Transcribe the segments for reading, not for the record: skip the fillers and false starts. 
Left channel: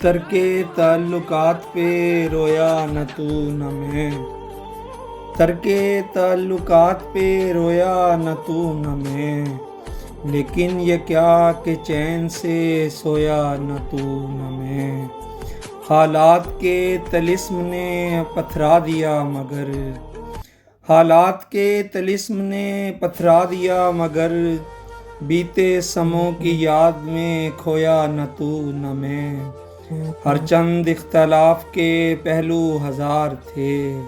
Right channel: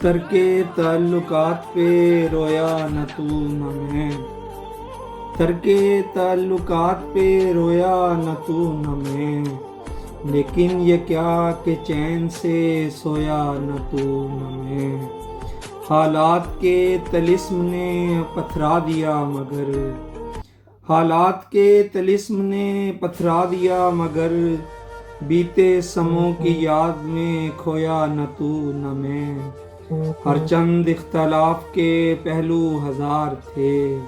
ترک تعلقات پہ رویا نہ تو نہ میں، ترک تعلقات پہ رویا نہ تو نہ میں، لیکن یہ کیا کہ چین سے سویا نہ تو نہ میں۔ حالات کے طلسم نے پتھرا دیا مگر، حالات کے طلسم نے پتھرا دیا مگر، بیتے سموں کی یاد میں کھویا نہ تو نہ میں۔ ہر چند اختلاف کے پہلو ہزار تھے،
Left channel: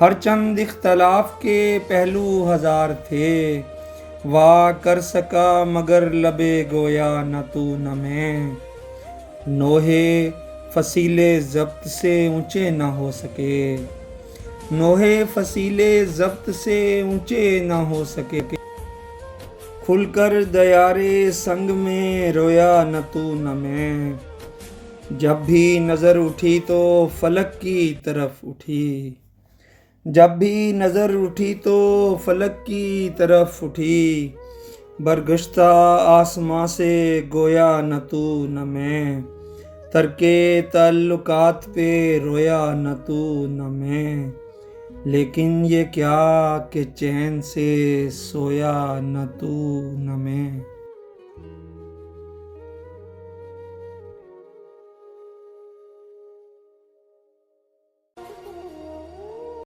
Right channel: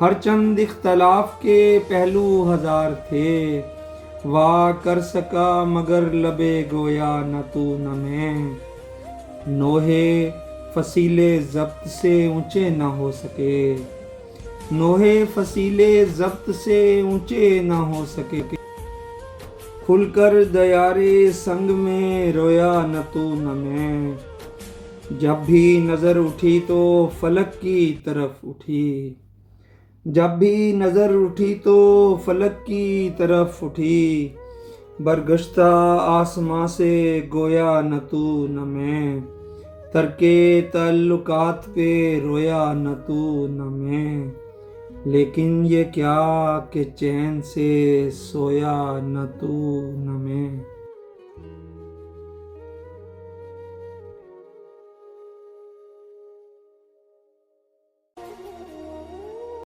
ہر چند اختلاف کے پہلو ہزار تھے، وا کر سکا مگر لبِ گویا نہ تو نہ میں۔ نوحے فصیلے ضبط سے اونچے نہ ہو سکے، نوحے فصیلے ضبط سے اونچے نہ ہو سکے، کھل کر دیارے سنگ میں رویا نہ تو نہ میں۔ جب بھی نظر اٹھی تو فلک کی طرف اٹھی، جب بھی نظر اٹھی تو فلک کی طرف اٹھی، برگشتہ آسماں سے گویا نہ تو نہ میں۔ ترک تعلقات پہ رویا نہ تو نہ میں، لیکن یہ کیا کہ چین سے سویا نہ تو نہ میں۔